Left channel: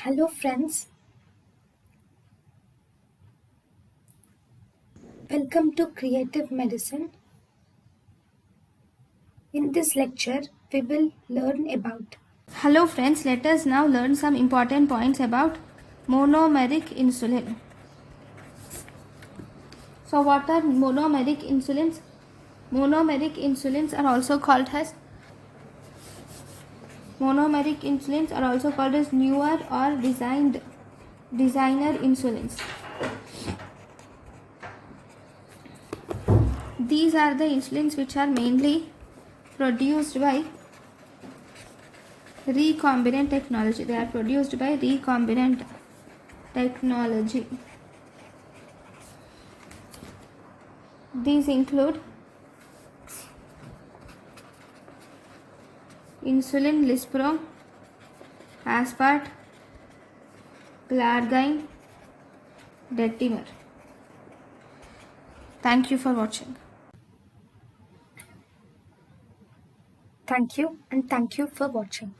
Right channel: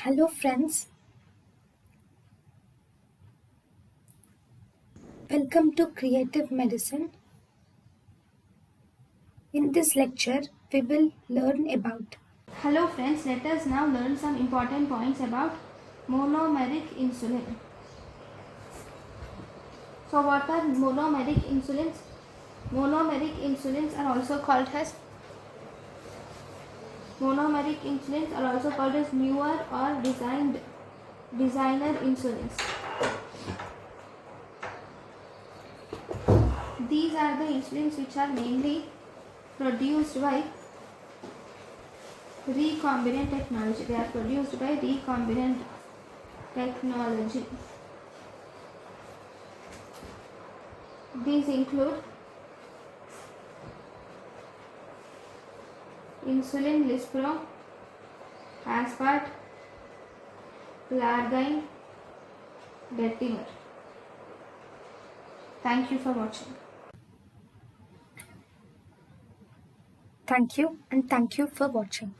Hello friends, welcome to Creative Medicine. In this lecture, we will learn about. Hello friends, let us now learn some important points about monomeric insulin. So what are monomeric insulins? Monomeric insulins are also called as newer or designer insulins. These are the insulins which are mainly produced by recombinant technology. They are produced by recombinant technology. These include insulin lispro, aspart, glargine, detimer. Thank you for watching. Thank you and thank you for watching.